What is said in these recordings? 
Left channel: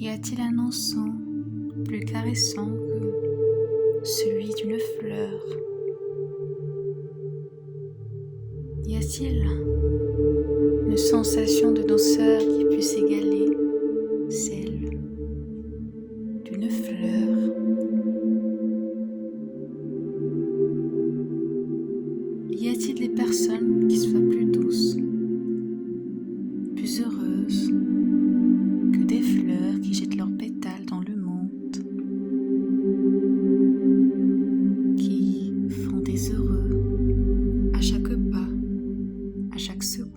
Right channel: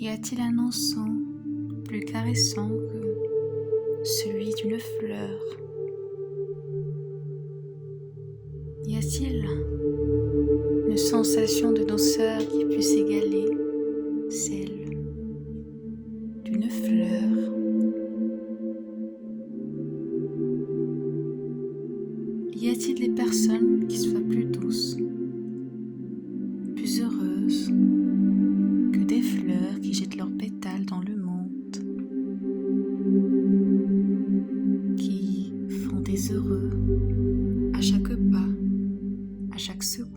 Y a-t-il un encens plus caressant que celui d'une fleur? Y a-t-il une sensation de douceur qui puisse égaler celle d'une fleur? Y a-t-il des personnes qui soient plus douces, plus heureuses que des fleurs qui jettent leurs pétales dans le monde, qui font des heureux à chaque pas, à chaque seconde?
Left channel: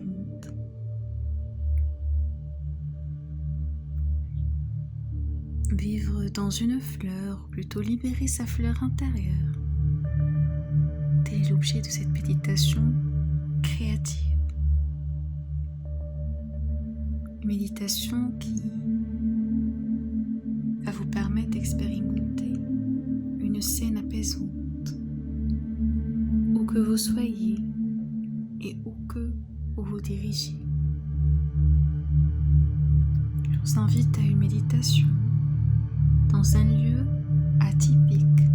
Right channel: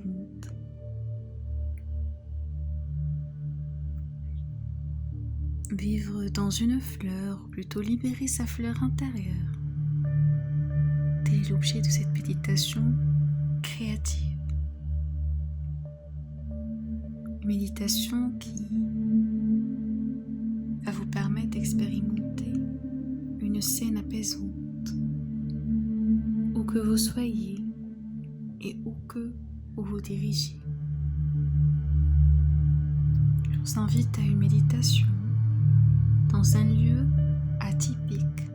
Vivre dans une fleur, ou plutôt libérer sa fleur intérieure, tel est l'objet de cette méditation créative. Une méditation qui va vous permettre d'expérimenter une scène apaisante, où que vous soyez et où que vous vous dirigez. Je vous invite à une méditation dans un lieu atypique,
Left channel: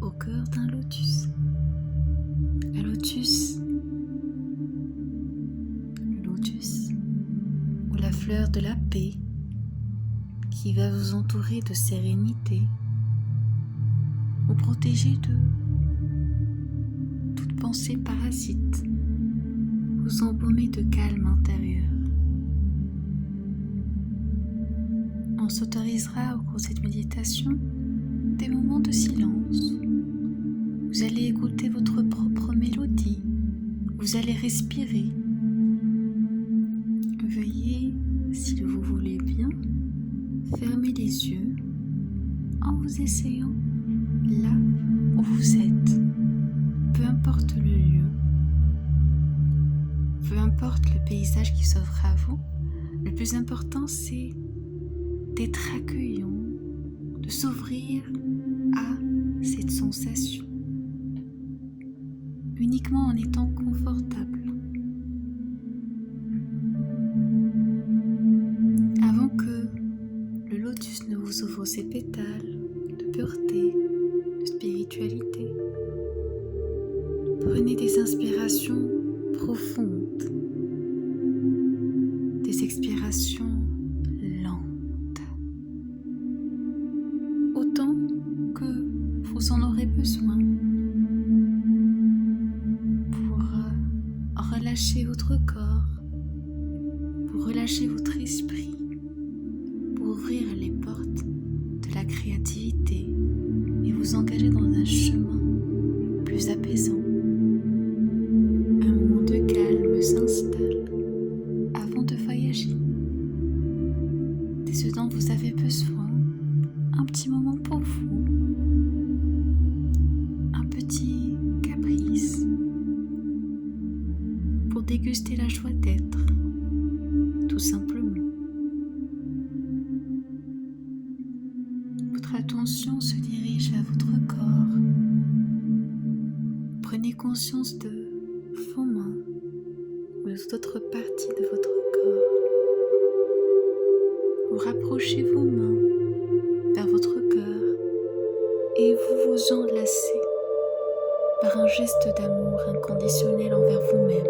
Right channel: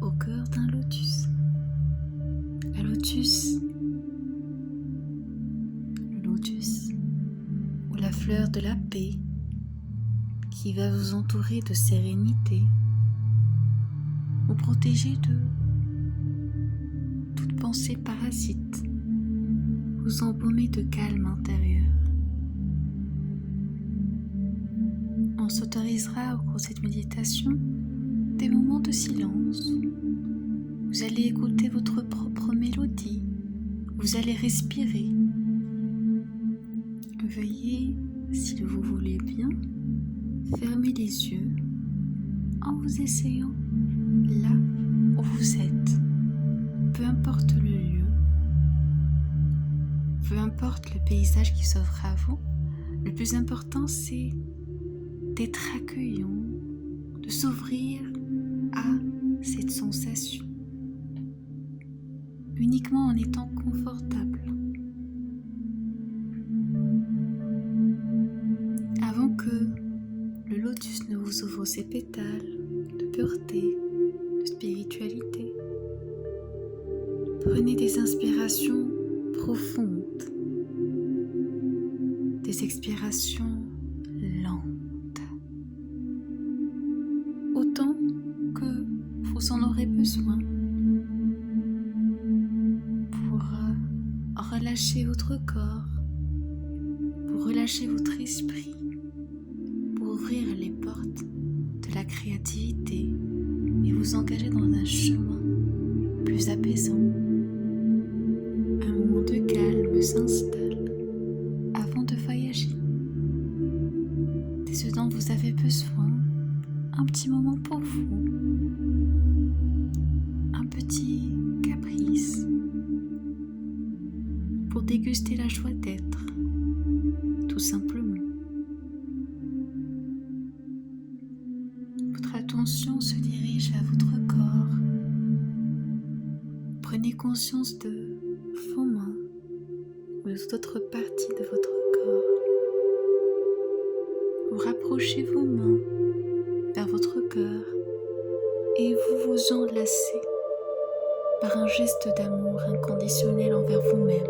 au cœur d'un lotus. Le lotus, ou la fleur de la paix, qui va vous entourer de sérénité, vous protéger de toute pensée parasite, vous embaumer de calme intérieur. On s'autorisera au cours de cette méditation des moments de silence. Vous allez écouter votre propre mélodie, vous allez respirer. Veuillez, si vous voulez bien, fermer les yeux en vous essayant là où vous êtes, peu importe le lieu, peu importe le paysage qui s'offre à vous. Le plus important, c'est d'être accueillant, de s'ouvrir à cette sensation, uniquement en étant confortable. Avant que le lotus ne vous ouvre ses pétales de pureté, de spiritualité, prenez des inspirations profondes, des expirations lentes, autant que vous en aurez besoin pour relâcher votre corps, pour relâcher votre esprit, pour ouvrir les portes de la créativité et vous engager dans un chemin plus apaisant. Un moment de calme s'installe avant de voyager. C'est ce dont vous avez besoin, un petit moment pour vous, un petit caprice pour déguster la joie d'être, tout simplement. Votre attention se dirige à votre corps. Prenez conscience de vos mains ou de toute autre partie de votre corps. Vous rapprochez vos mains vers votre cœur et vous vous enlacez par un geste d'amour inconditionnel envers vous-même,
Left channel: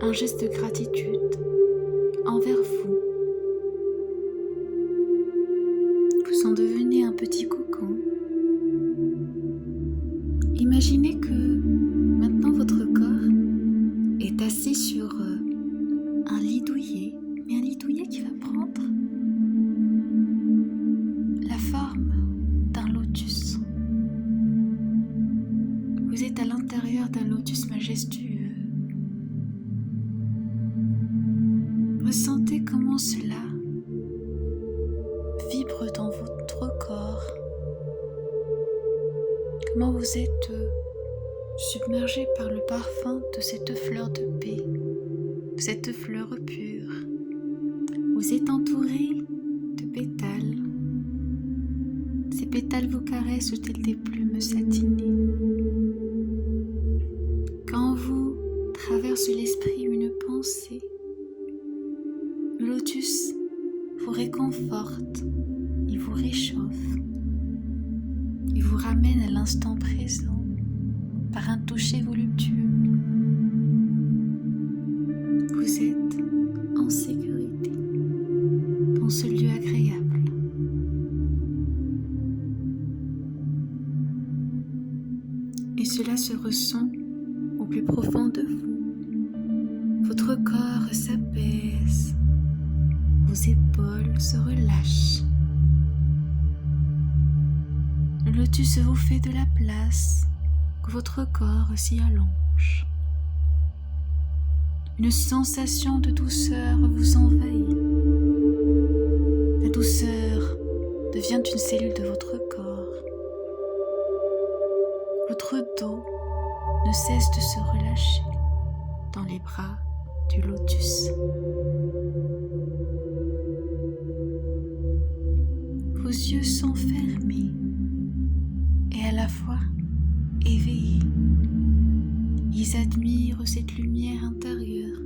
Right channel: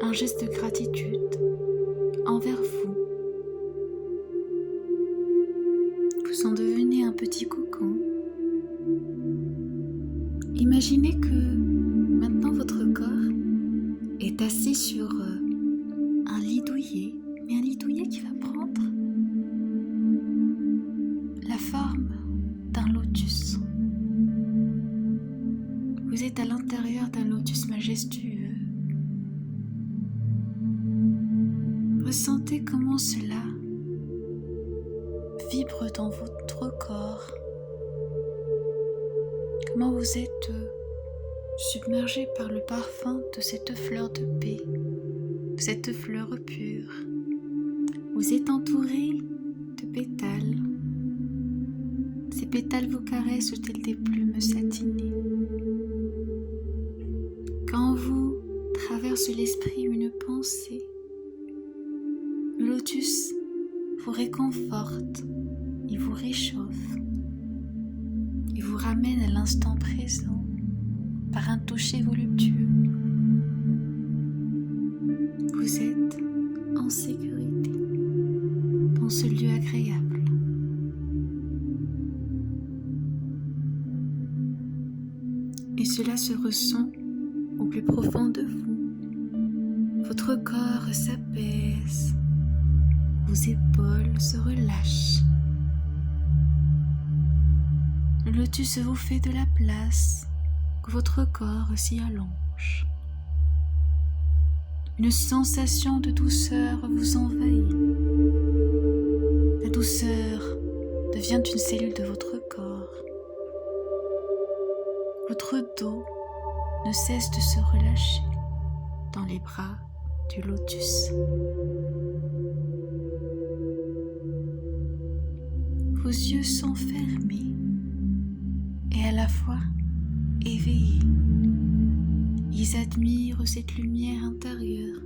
un geste de gratitude envers vous. Vous en devenez un petit cocon. Imaginez que maintenant votre corps est assis sur un lit douillet, mais un lit douillet qui va prendre la forme d'un lotus. Vous êtes à l'intérieur d'un lotus majestueux. Ressentez comment cela vibre dans votre corps. Comment vous êtes submergé par le parfum de cette fleur de paix, de cette fleur pure. Vous êtes entouré de pétales. Ces pétales vous caressent tels des plumes satinées. Quand vous traverse l'esprit une pensée, le lotus vous réconforte, il vous réchauffe, il vous ramène à l'instant présent par un toucher voluptueux. Vous êtes en sécurité dans ce lieu agréable. Et cela se ressent au plus profond de vous. Votre corps s'apaise, vos épaules se relâchent. Le lotus vous fait de la place, que votre corps s'y allonge. Une sensation de douceur vous envahit. La douceur devient une cellule de votre corps. Votre dos ne cesse de se relâcher dans les bras du lotus. Vos yeux sont fermés et à la fois éveillés. Ils admirent cette lumière intérieure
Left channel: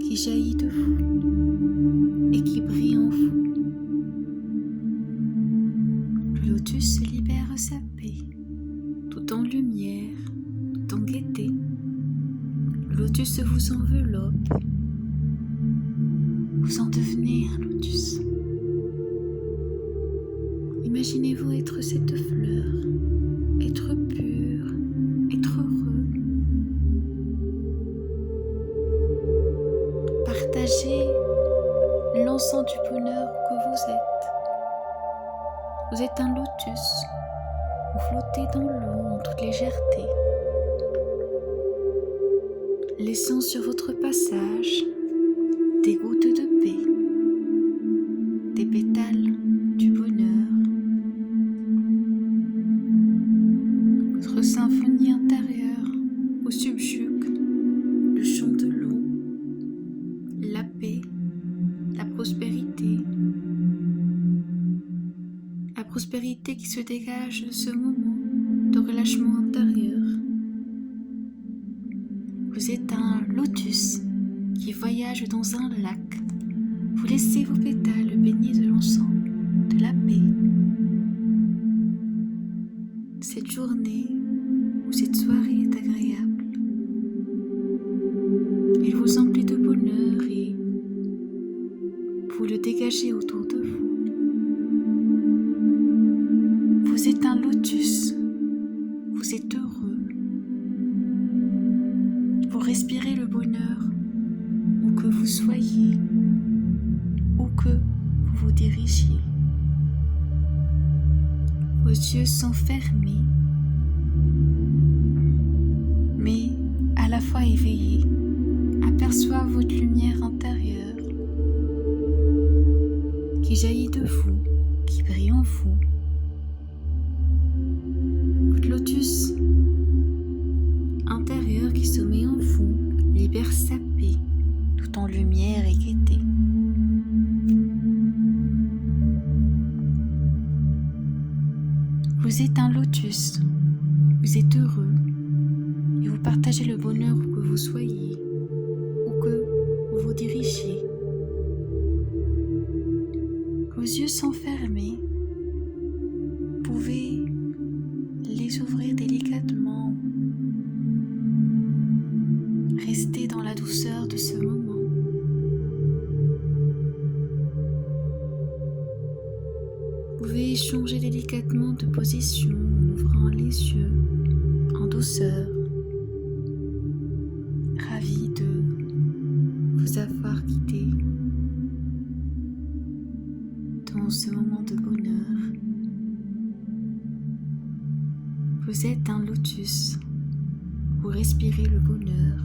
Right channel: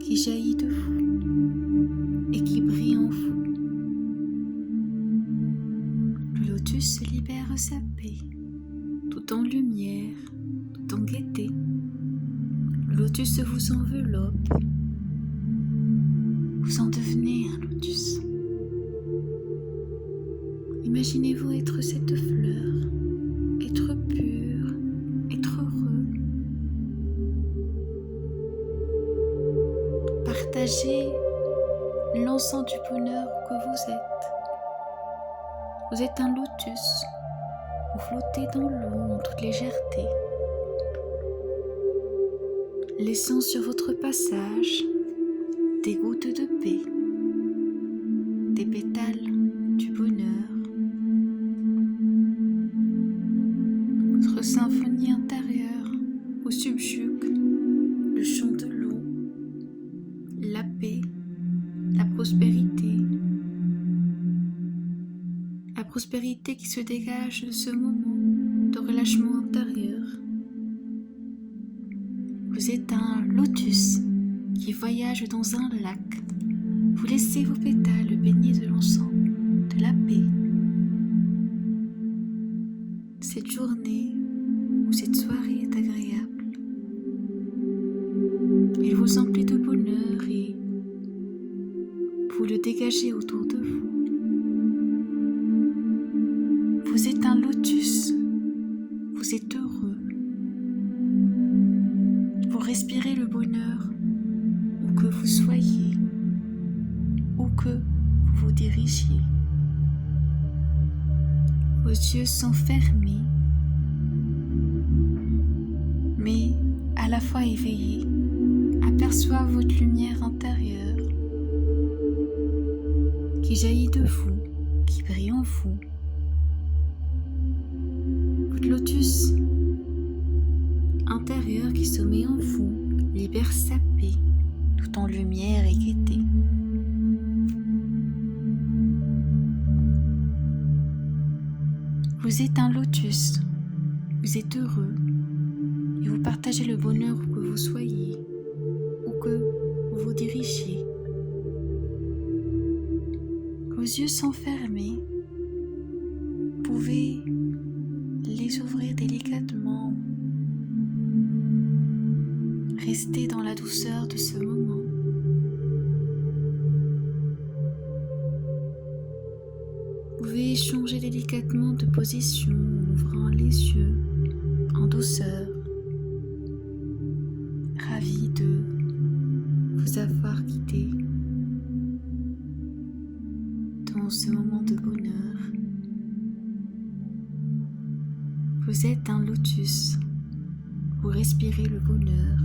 qui jaillit de vous et qui brille en vous. Le lotus libère sa paix, tout en lumière, tout en gaieté. Le lotus vous enveloppe. Vous en devenez un lotus. Imaginez-vous être cette fleur, être pur, être heureux. Partagez l'encens du bonheur que vous êtes. Vous êtes un lotus. Vous flottez dans l'eau en toute légèreté, laissant sur votre passage des gouttes de paix, des pétales du bonheur. Votre symphonie intérieure vous subjugue le chant de l'eau, la paix, la prospérité. La prospérité qui se dégage de ce moment de relâchement intérieur. Vous êtes un lotus qui voyage dans un lac. Vous laissez vos pétales baignés de l'encens, de la paix. Cette journée ou cette soirée est agréable. Il vous emplit de bonheur et vous le dégagez autour de vous. Vous êtes un lotus, vous êtes heureux, vous respirez le bonheur où que vous soyez, où que vous vous dirigiez. Vos yeux sont fermés, mais à la fois éveillés, aperçoivent votre lumière intérieure qui jaillit de vous, qui brille en vous. Lotus intérieur qui sommeille en vous libère sa paix tout en lumière et gaieté. Vous êtes un lotus, vous êtes heureux et vous partagez le bonheur où que vous soyez, où que vous vous dirigiez. Vos yeux sont fermés, vous pouvez les ouvrir délicatement. Restez dans la douceur de ce moment. Vous pouvez changer délicatement de position en ouvrant les yeux en douceur. Ravi de vous avoir guidé dans ce moment de bonheur. Vous êtes un lotus, vous respirez le bonheur,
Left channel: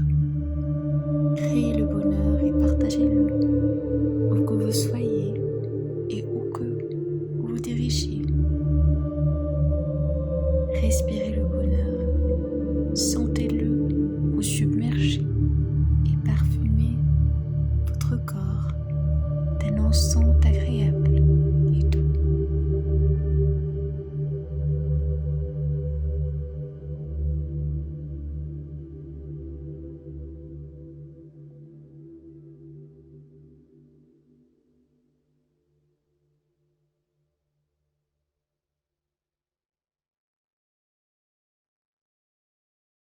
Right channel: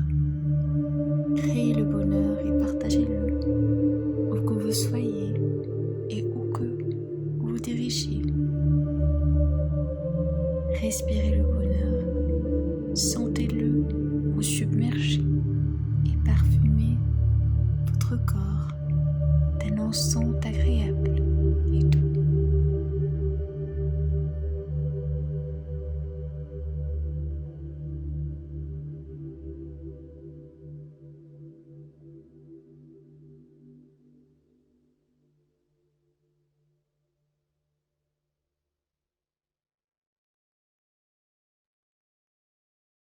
créez le bonheur et partagez-le, où que vous soyez et où que vous vous dirigez. Respirez le bonheur, sentez-le vous submerger et parfumez votre corps d'un encens agréable.